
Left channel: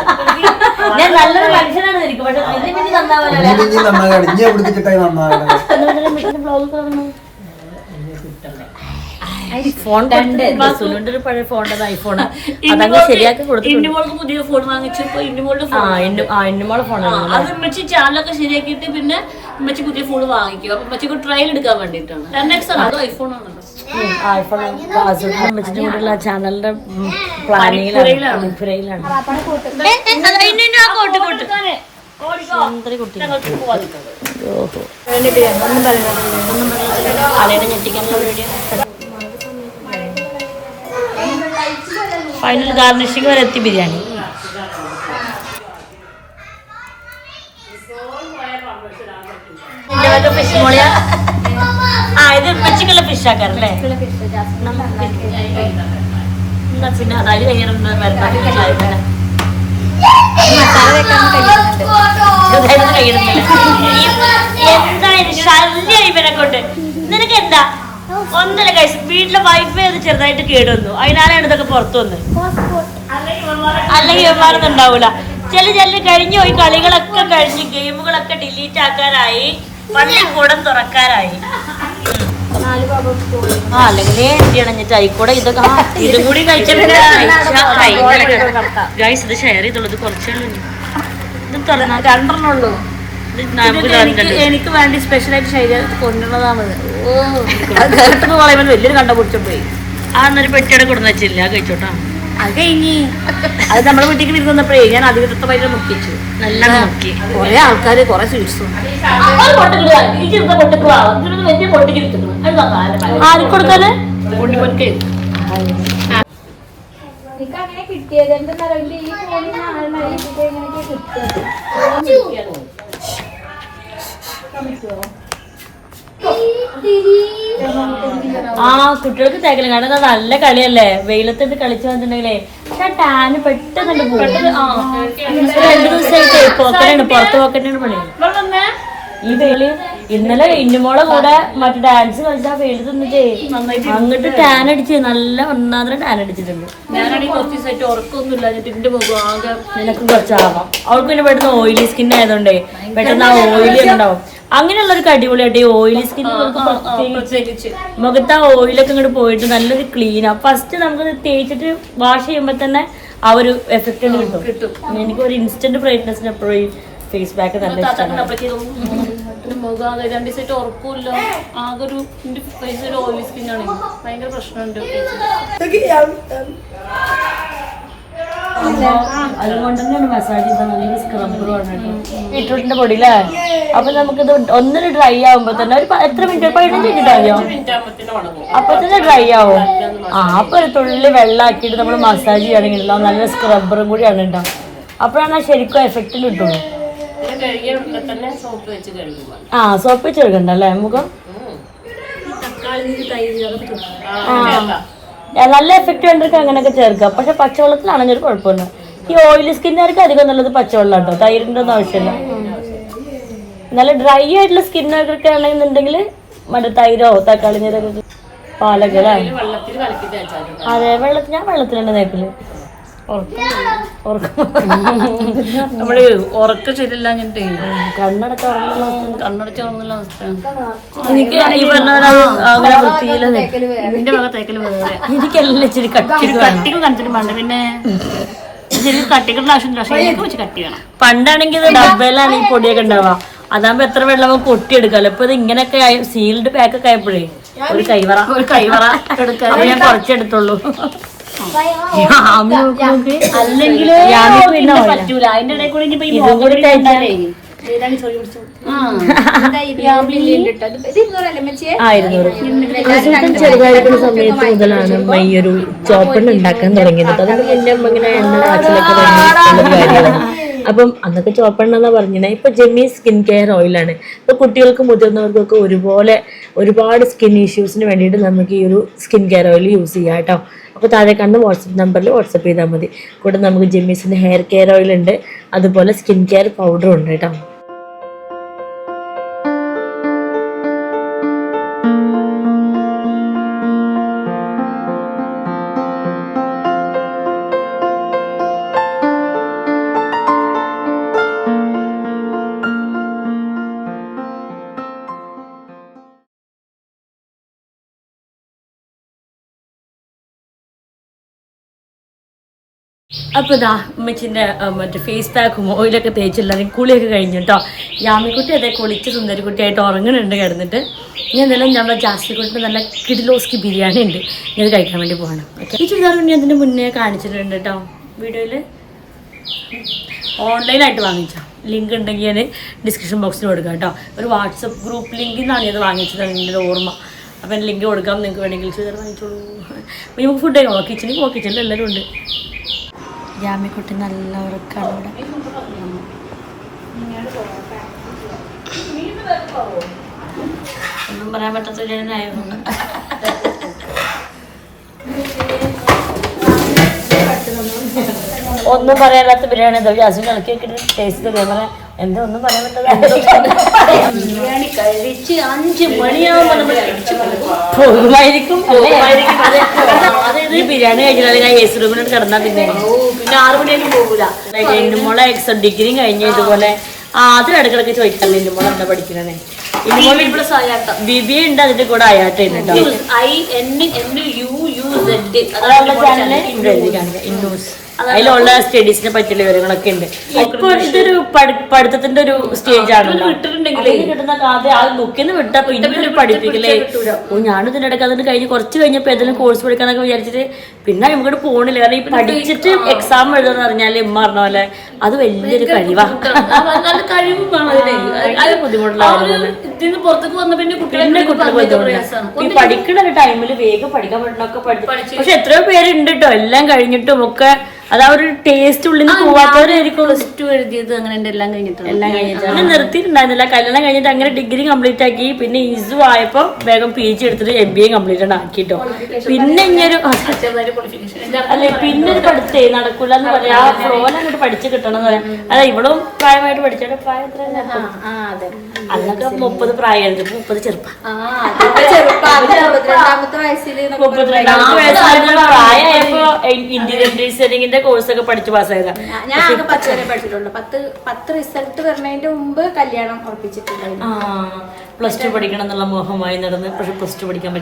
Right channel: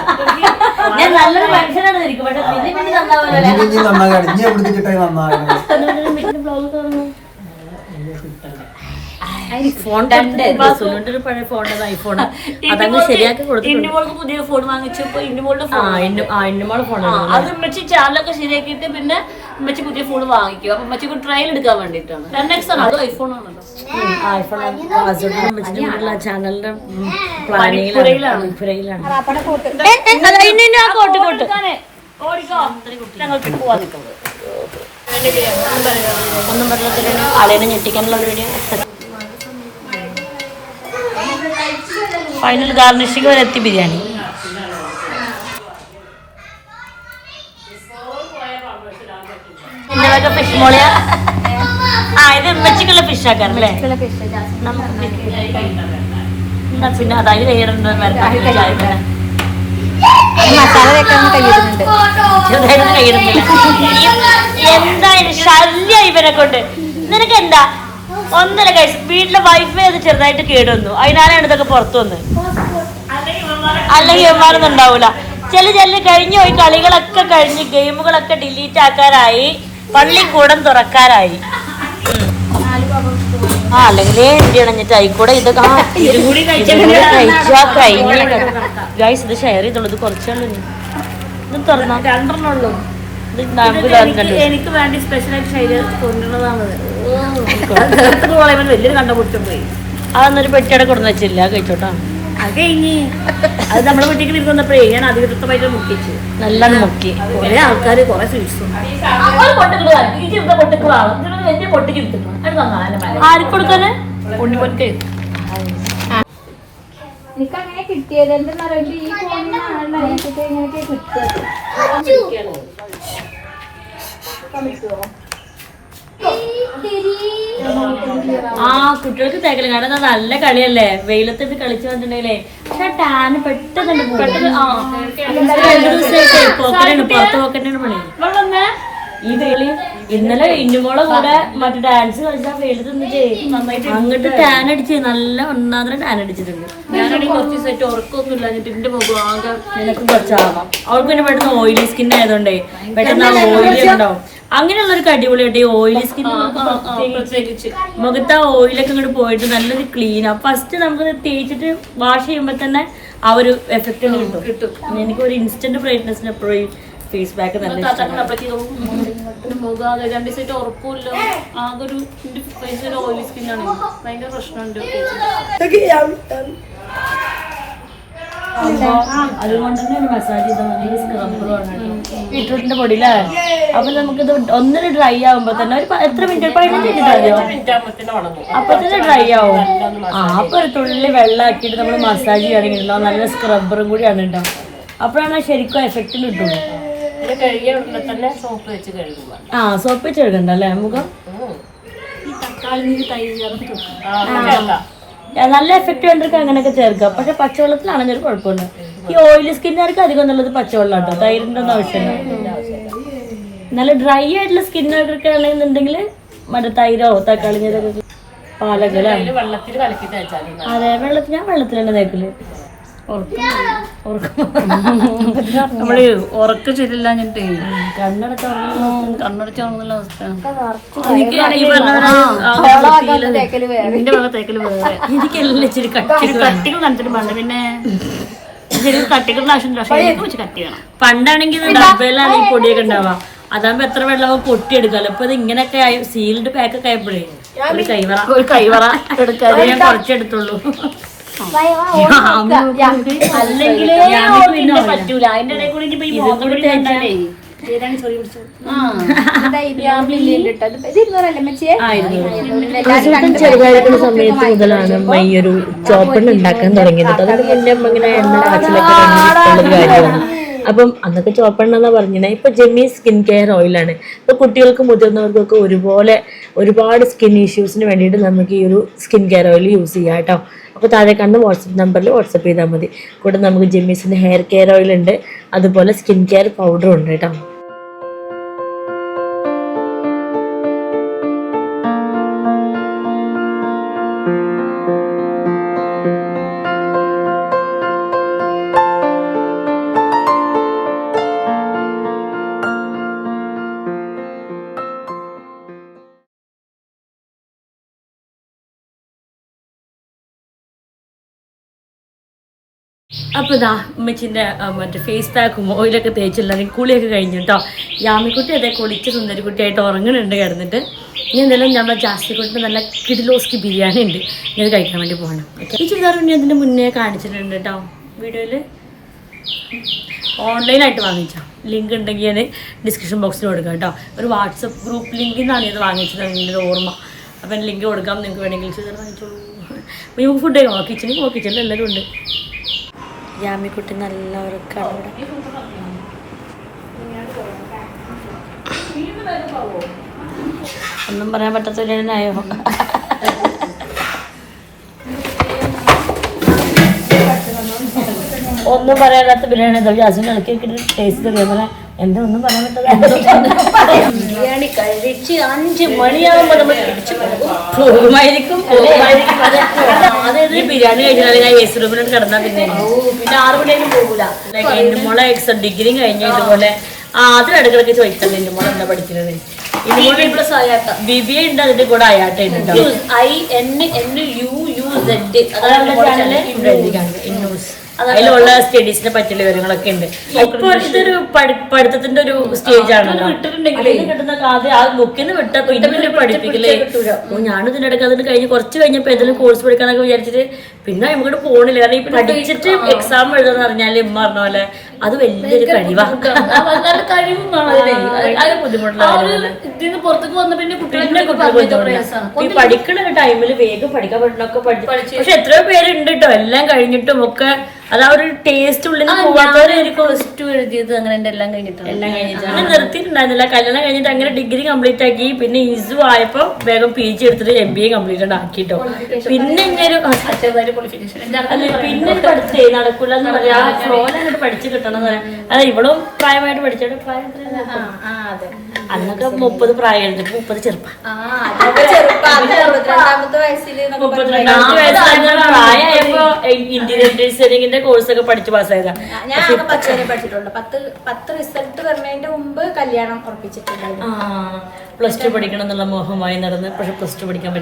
ഞാൻ നല്ലൊരു മനുഷ്യനാണ് പിന്നെ നന്നായി. ഫോൺ ഒരു പഴയ ഫോണിന്റെ ഐഫോണ് അതങ്ങ് ശരിയാക്കി കൊടുത്തിട്ടുണ്ട്. പുതിയ ഫോൺ വാങ്ങിച്ചപ്പോ ഇന്നുമോളുടെ ഫോണാണ് അത് ചാനലൊക്കെ ശരിയാക്കിയിട്ട് പിന്നെ ഉമ്മച്ചി പുതിയ ഫോൺ വാങ്ങിക്കും. അപ്പൊ ഉമ്മച്ചിക്ക് ട്രയൽ എടുക്കാൻ വേണ്ടിട്ടാണ് ടെൻ എക്സ് ആണ് അത് ഐഫോൺ ആണല്ലോ ഐഫോൺ ചാനലിന്റെ പുരയിലാണ് കോട്ട് കോട്ട് ഒന്നും വെള്ളത്തിലാണ് അളേനെ ഞെട്ടിക്കാനുള്ള പരിപാടിയാണ്. ഫൈനൽ ഗാർണിഷിംഗ് വരെ എത്തി ബിരിയാണി. എന്റെ വക ഫിഷ് മോളിയ? ആ ഇത് ഉമ്മച്ചിക്കുള്ള ഫിഷാക്കാറല്ലേ എന്നാ പിന്നെ അതായത് കയ്യിലുണ്ട് മരണം കയ്യിലുണ്ടല്ലേ എന്തായാലും ശല്യ ഇവനെ കൊണ്ട് നിനക്ക് എന്താ ഒന്നല്ല കഴിച്ചു വീട്ടിലെ വൈഫൈ അത് ചെറുതായിട്ട് കേടുവന്നു. അതിനാലാണ് ഇതൊക്കെ പുറത്തു വന്നത് അല്ലെങ്കിൽ ഇവന്മാരൊന്നും ഉണ്ടാവൂല. ചില ചില കഴിഞ്ഞു. പോയി കളികളൊക്കെ കഴിഞ്ഞ് ഗെയിമുകളൊക്കെ ഡിലീറ്റ് ആക്കാനായി. പള്ളി കൂടം തുറക്കാനായി. ആ അല്ലെങ്കിൽ ചെയ്യണം? ആയിക്കൂടെ ഇതൊക്കെ ഇതും കൂടി കഴിച്ചാൽ ഇത് ഷെയർ ചെയ്തുള്ളത് കുറച്ചേ ഉള്ളൂ ഇത് തുറന്നാ രണ്ടെണ്ണുള്ളൂ എനിക്ക് വേണ്ടി സ്പെഷ്യലായിട്ട് ശൈലം കൊണ്ടുവന്നതാണ്. കേട്ടത് പറയുമ്പോൾ വലിയൊരു കണ്ട പിടിച്ചു പോയി. അതൊന്നൊരു പെട്ടിയുടെ കൊടുന്ന് വെച്ചില്ല കഴിച്ചോട്ടാ. അത് കഴിഞ്ഞ് അത് നമ്മുടെ വീട്ടിലേക്ക് വിരുന്ന് വന്നപ്പോഴേ ഞാൻ പൈസ മുക്കിച്ചു. നല്ല മുക്കി. കുറെ ആൾക്കാര് കുറെ സ്വീറ്റ്സും ആർക്ക് കൊടുക്കാന് കിട്ടിയത് എന്താ പറയുക ഈ ഫോണിൽ എനിക്ക് ഇങ്ങനെയൊക്കെ കിട്ടുക ആ കുട്ടികൾക്ക് തേക്കൽ. കാരണം നല്ല കളിയല്ലേ? വെയിലത്തിട്ട് കളിച്ചു വന്നിട്ടുണ്ടെങ്കിലേ ടാന് പെട്ടെന്ന് പോകും രണ്ടു ദിവസമായിട്ട് പോക്കറ്റാണ് പുറത്ത് പോക്കറ്റാണ് പണി. ഈ വെയിൽ ഇന്നലെ ഇന്നുമോളെ കൂടെ മറ്റേ ഡാൻസ് കളിച്ചാ വെയിലത്ത് അങ്ങോട്ട് ടാൻ അടിച്ച് നല്ല ഒന്നാമത്തെ ടാൻ അടിച്ചിട്ടുണ്ട്. നിനക്ക് കുറച്ചാവാം അവൾക്ക് പിന്നെ പെട്ടെന്ന് ഓയിലി സ്കിൻ ആയതുകൊണ്ടേ പെട്ടെന്ന് ആ ഓയിലി ഉണ്ടാവും. അങ്ങനെയുള്ളൊരു അടിപൊളിയായിട്ട് ഈ ഓയിലി സ്കിൻ മുഖത്ത് ആ ഓയിലൊക്കെ ഇങ്ങോട്ട് പോയിട്ട് നല്ലൊരു ക്ലീൻ ആ. ഫസ്റ്റ് നമുക്ക് തേച്ചിട്ട് വാഷ് ചെയ്യുമ്പോൾ തന്നെ ആ ഒരു എഫക്റ്റ് കിട്ടും. എനിക്ക് ഒരു ഇൻസ്റ്റന്റ് ബ്രൈറ്റ്നസിന് എപ്പോഴും ഫേസ് പാക്ക് നല്ല മുഖം രണ്ട് ദിവസമായിട്ട് ഉറക്കമില്ല ആകെ ഒരു എന്റെ ഫേസ് ഒരു ഓയിലി സ്കിന്നാണ് ഭയങ്കര പ്രശ്നമുണ്ട് അതുകൊണ്ട് തന്നെയാണ് മസാജ് പൊടിയില്ലേ അപ്പൊ നമുക്കിത് ഒന്നര ഡ്രൈ ആവുമ്പോ തന്നെ ഒരു എത്ര മിനിറ്റ് പതിനഞ്ച് മിനിറ്റ് മതിയോ അപ്പൊ തന്നെ ഡ്രൈ ആവും. ആ അപ്പൊ ഒരു തുള്ളി വെള്ളമാക്കിയിട്ട് നമ്മൾ മസാജ് ചെയ്യുകയാണെങ്കിൽ നല്ല സ്ക്രബറും കൂടിയാണ് ഉണ്ടാവും അപ്പോഴാണ് ശരിക്കും എഫക്റ്റ് കിട്ടുള്ളൂ. ആ സോപ്പ് വെച്ച് കഴുകണ്ടല്ലേ മുഖം? നല്ല എഫക്റ്റ് വേണ്ടവർക്ക് അങ്ങനെയൊക്കെ ചേർക്കാം പക്ഷെ പച്ചവെള്ളത്തിലാണെങ്കിൽ കുഴപ്പമുണ്ട് ഈ ഓയിലി സ്കിന്നുകാർക്ക് അധികം നല്ലത് പച്ചവെള്ളം കേട്ടോ തൈരിന്റെ ഒന്നും ആവശ്യമില്ല. നല്ല ഡ്രൈ ആയിട്ടുള്ള സ്കിൻ സ്കിന്നൊക്കെ ആണെന്നുണ്ടെങ്കിൽ മറ്റേ തൈരോ തക്കാളി നീരൊക്കെ പാലകലാണ്. വെള്ളത്തിൽ കലക്കി തേച്ചാൽ അതെ വെള്ളത്തിൽ ഞാൻ വെള്ളത്തിലാണ് തേക്കൽ. നമ്മൾ ഉറക്കം ശരിയല്ല ഞാനിട്ടേ കണ്ണടക്കം ഉറങ്ങുന്ന കണ്ണടച്ച് ഉറങ്ങുന്ന അവസ്ഥയാണ്. നിന്റെ ഭാഗത്ത് തേക്കൽ വേറെ. എനിക്കെല്ലാം ഇച്ചിരി കട്ടി ഇച്ചിരി കട്ടിക്ക് കണ്ടിട്ട് വേണ്ട പിന്നെ ശരി കട്ടികളുടെ ആവശ്യമില്ല. പക്ഷെ എനിക്ക് വെച്ച് കട്ടി വേണം. പണ്ടാണെങ്കിൽ ഡബ്ബയിലാണെങ്കിൽ ഡബയിലാണ് ഈ പൊടിയൊക്കെ ഉണ്ടാവുക. അതാകുമ്പോ എത്ര വെള്ളം പൊട്ടിയെടുക്കാല്ലോ ഇപ്പൊ ഇത് ഇങ്ങനെയൊക്കെ ആയി സീൽഡ് പാക്കൊക്കെ ആയപ്പോഴേ ഒരു കൈവറ. ഒരു കൈവറ എടുക്കാതെ. ഞാൻ കുറച്ചെടുത്തുള്ളൂ. അല്ലെങ്കിൽ പറ്റൂല. അതിന്റെ ഇടയിൽ കൂടി ഇനിയിപ്പോ ഈ ആസൂട്ടൻ ചെറുതായിരിക്കുന്ന സമയത്ത് മുതലാണ് ഈ ഒരു ചോപ്പെണ്ണ ഉണ്ടാക്കാൻ തുടങ്ങിയത്. അതിന്റെ മുന്നേ ഇങ്ങനെ എണ്ണ കാച്ചിലൊക്കെ കാര്യമാണ്. അപ്പം അന്നൊക്കെ ചോപ്പെണ്ണ എന്നാ പറഞ്ഞത് ഇപ്പൊ ജെമ്മി സ്കിൻ കെയർ ഓയിലാണ്. ഇപ്പൊ കുട്ടികൾക്കും മുതിർന്നവർക്കൊക്കെ ഒരുപോലെ ഒരുപാട് സ്കിൻ ഇഷ്യൂസിന് വേണ്ടിയിട്ട് നമുക്ക് ഈ ഒരു സ്കിൻ കെയർ ഓയിൽ യൂസ് ചെയ്യാം കേട്ടോ. അപ്പോൾ താഴെ കണ്ട് വാട്സപ്പ് നമ്പറിൽ വാട്സപ്പ് ചെയ്താൽ മതി. കൂടെ നമുക്ക് ജെമ്മീസിന്റെ ഹെയർ കെയർ ഓയിൽ ഉണ്ട്. അതുപോലെ സ്കിൻ കെയർ പൗഡറും ഉണ്ട് കേട്ടോ. അപ്പോൾ ഇതാ ഉമ്മച്ചിന്റെ മറ്റേ ഫേസ് പാക്കും ഓയിലൊക്കെ തേച്ചില്ലാതെ കുളിയൊക്കെ കഴിഞ്ഞു കേട്ടോ യാമിക്കുട്ടി അതേ കുളിച്ച് സുന്ദരിക്കുട്ടിയായിട്ട് ഉറങ്ങുന്നുണ്ട് കിടന്നിട്ട്. ഇനി എന്തായാലും നമ്മളെ ജാസ്തിക്കുട്ടിന്റെ നല്ല കിഡിലോസ്കി ബിരിയാണി ഉണ്ട്. ഇനി അത് കഴിക്കാൻ വേണ്ടി പോകണം. ഓക്കെ ഈ ചുരിദാർ ഞാൻ അതിന്റെ മുന്നേ കാണിച്ചിട്ടുണ്ട് കേട്ടോ വീഡിയോയിൽ ഓൺലൈനായിട്ട് വാങ്ങിച്ചോ. ലിങ്ക് ഉണ്ടെങ്കിൽ ഞാൻ ഡിസ്ക്രിപ്ഷൻ ബോക്സിൽ കൊടുക്കാം കേട്ടോ ഒരു വാട്സപ്പ് ഗ്രൂപ്പ് ലിങ്കിൽ നിന്നാണ് ഇത് വാങ്ങിച്ചത് എന്റെ ഓർമ്മ. അപ്പം എന്റെ ലിങ്ക് കൊടുക്കാം നിങ്ങൾക്ക് വേണമെങ്കിൽ ചുരിദാർ വാങ്ങിച്ചോളൂ. അപ്പോൾ നമുക്ക് ഫുഡ് കഴിക്കാം കിച്ചണിൽ കിച്ചണിൽ എല്ലാവരും ഉണ്ട്. ജാമ്യക്കുട്ടി നല്ല ഉറക്കാണ് ഇവിടെ. ഒന്നും പറയാൻ പറ്റത്തില്ലായോ ഒന്നും പറയാനാത്ത ബിരിയാണി ഗ്യാസിന് ഇറക്കി ടേസ്റ്റ് തരാൻ ബിരിയാണി കഴിച്ച് അഞ്ച് മണിയാകുമ്പോ നമ്മൾ തിരിച്ചു പോകുമായിരിക്കും പോകുമായിരിക്കും. അതെ. അതായത് ബിരിയാണി കഴിച്ചാൽ ഞാൻ എ സി റൂമിലോട്ട് കിടന്നാൽ പിന്നെ പിന്നെ ആറ് മണിയായാലും പോകൂല. മോളെ എക്സ് ഡിഗ്രിയും കഴിഞ്ഞ ഇതുപോലെ ആ അതും ഇടക്കിടക്ക് ചോദിക്കല്ലേ എന്റെ മോളെ എന്താ പഠിക്കുന്നത് ബി ബി എ ഉണ്ട് അതിന്റെ കൂടെ അയാട്ടുണ്ട് I N N U U Z അതിലുള്ള സ്റ്റഡീസിനെ പറ്റിയുള്ള വിവരങ്ങളൊക്കെ ഉണ്ട്. ഇതൊരു പഠി- പഠിത്തത്തിന്റെ ഒരു സ്റ്റേജ് ആണ് കിട്ടുന്ന കാര്യം ആ ബുക്കിൽ നിന്ന് വിട്ടാ പിന്നെ പഠിപ്പിക്കില്ലേ? ഓ ഞാൻ ഇതിന്റെ ഇടയ്ക്ക് അതിന് കഴിഞ്ഞ് കുറച്ച് കഴിഞ്ഞപ്പോ ഏതെങ്കിലും കോഴ്സ് പഠിക്കാന്നൊക്കെ വിചാരിച്ചിട്ട് പിന്നെ നമുക്ക് പോണില്ല. കാരണം ഇപ്പൊ പഠിച്ചിട്ട് എക്സാം എഴുതാന്ന് പറഞ്ഞാൽ ഇമ്മ പറഞ്ഞ പോലെ അത് വലിയൊരു കഴിവാണ് നല്ല കഴിവും വേണം അതിനെ. അത് ബുദ്ധിമുട്ടുള്ള ഇതിന് പുറത്തേക്ക് വന്ന പിന്നെ കുട്ടികളെ പഠിക്കണ ഒരു ടൈമിൽ വേഗം പഠിക്കാൻ പറ്റണൊക്കെ പഠിച്ചു പക്ഷെ എത്രയോ പേരുണ്ട് കേട്ടോ എല്ലാം കഴിഞ്ഞിട്ടും ഒക്കെ അത് ആ ഒരു ടേസ്റ്റ് ഉള്ളിൽ പ്ലസ് ടു എഴുതിയത് അങ്ങനെ എല്ലാം കഴിഞ്ഞിട്ടുണ്ട് എല്ലാം കഴിഞ്ഞിട്ടുണ്ട് അങ്ങനെ നിർത്തിയിട്ടുണ്ടായിരുന്നില്ല. കല്യാണം കഴിഞ്ഞിട്ട് അങ്ങനെ ഡിഗ്രി കംപ്ലീറ്റ് ആക്കി പിന്നെ ഇസു ആയപ്പോ വേഗം പി ജി എടുത്തിട്ട് എം ബി എ കംപ്ലീറ്റ് ആക്കിട്ടോ പിന്നെ ഇങ്ങനെ അല്ലെ പിന്നെ പഠിച്ചേ നടക്കൂല എന്ന് പറയാ. ആ ഫ്ലോയിൽ അങ്ങോട്ട് പഠിച്ചു കിട്ടണം എന്ന് പറയാം. അതെ ഇവളും പ്രായമായിട്ട് പഠിച്ചോട്ടെ പ്രായം അന്നൊക്കെ മുപ്പത് പ്രായമായിരുന്നു ഇപ്പൊ മുപ്പത് ചെറുപ്പം. മുപ്പത്തിരണ്ടാമത്തെ വയസ്സിൽ പ്രായമായപ്പോ ഇന്റീരിയർ ഡിസൈനിങ്ങിന്റെ കോഴ്സ് പഠിച്ച് പാസ്സായതാ ഞാൻ പത്ത് വരെ പഠിച്ചിട്ടുണ്ട്. പത്ത് പത്ത് റിസൾട്ട് വരുന്നതിന്റെ മുമ്പ് കല്യാണം ഉറപ്പിച്ചിട്ടുണ്ടായിരുന്നു. പ്ലസ് ടു പഠിക്കണം എന്നുള്ള മോഹമായി നടന്ന് പക്ഷെ പ്ലസ് ടു പഠിക്കാൻ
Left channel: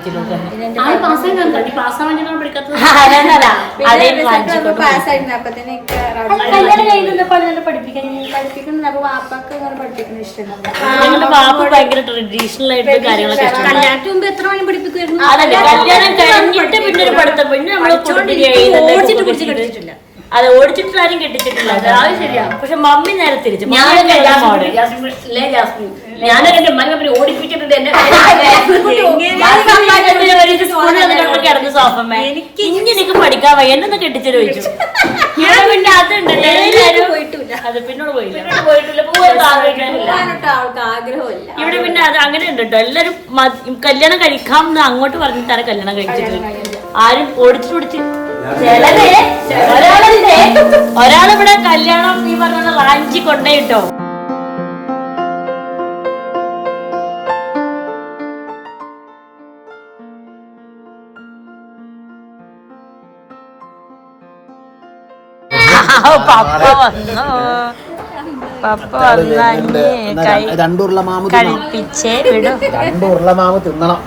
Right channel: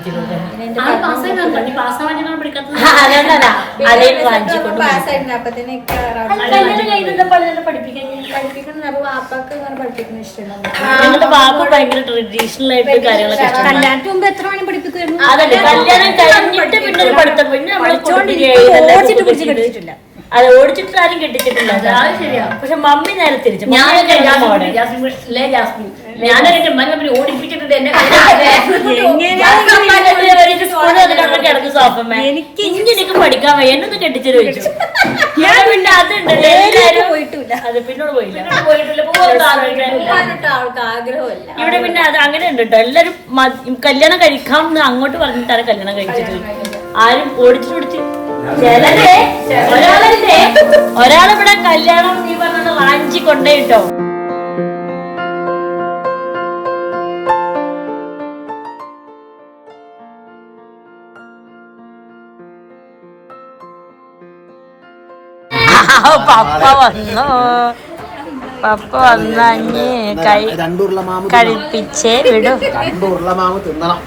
ഞങ്ങളുടെ വാപ്പ ഭയങ്കര ട്രഡീഷണൽ ആയിട്ട് കാര്യങ്ങളൊക്കെ അതല്ലേ കല്യാണം കഴിഞ്ഞിട്ട് പിന്നെ ഒരു പഠിത്തം. പിന്നെ നമ്മൾ കുടുംബിച്ചിട്ടില്ല അതെ ഓടിച്ചിട്ടുള്ള ആരും കെട്ടിച്ചിട്ടില്ല. അത് ശരിയാ. പക്ഷെ മമ്മി നേരെ തിരിച്ചു. കിടന്നു സോഫമ്മ ഇനി എനിക്ക് പഠിക്കാൻ വയ്യ. എന്നൊന്ന് കെട്ടിച്ചു ചോദിച്ചു. ഞാൻ പിന്നെ അതുണ്ട് എല്ലാരും അത് പിന്നോട് പോയില്ല. ഇവിടെ പിന്നെ അത് അങ്ങനെ ഉണ്ട് കേട്ടോ. എല്ലാരും കല്യാണം കഴിക്കാം എന്ന് അങ്ങോട്ട് പറഞ്ഞിട്ടാണ് കല്യാണം കഴിച്ചിട്ട് ആരും ഓടിച്ചു പിടിച്ച് ഒരാളല്ലേ ഒരാളിവിടെ കല്യാണം നീ പറഞ്ഞ റാഞ്ചി കൊണ്ടേയിട്ടോ പപ്പ വന്നു പപ്പ വന്നു കൈ രണ്ടുരുള്ള മാമ കഴിപ്പിച്ചേ വിടും. മാമ തിന്നണം.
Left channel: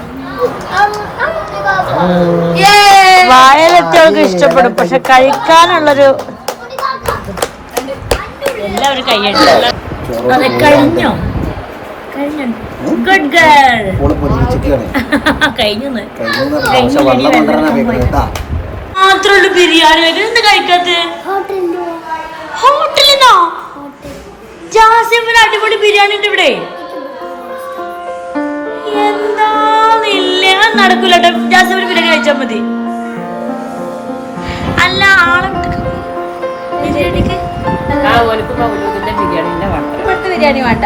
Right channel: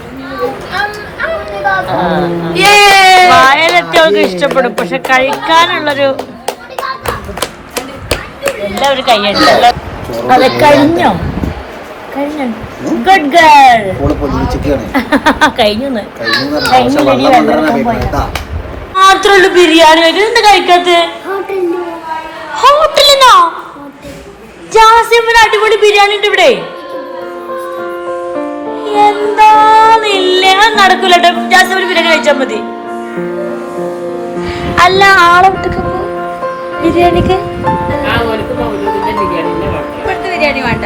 വായലെത്തിയവൾക്ക് ഇഷ്ടപ്പെടും. പക്ഷെ കഴിക്കാനുള്ളൊരു എല്ലാവരും അത് കഴിഞ്ഞോ? ഗുഡ് ഗേൾ കഴിഞ്ഞു ബിരിയാണി കഴിക്കുന്നത് എന്താ കഴിക്കാത്ത? ഹോട്ടലിന്നോ? ജാസിമിന് അടിപൊളി ബിരിയാണി ഉണ്ട് ഇവിടെ? എന്താന്നില്ല നടക്കൂല കേട്ടോ ഒരു ബിരിയാണി കഴിച്ചാൽ മതി. അല്ല ആളെ വിട്ടൊക്കെ ബിരിയാണിക്ക്? ബിരിയാണി വേണ്ട.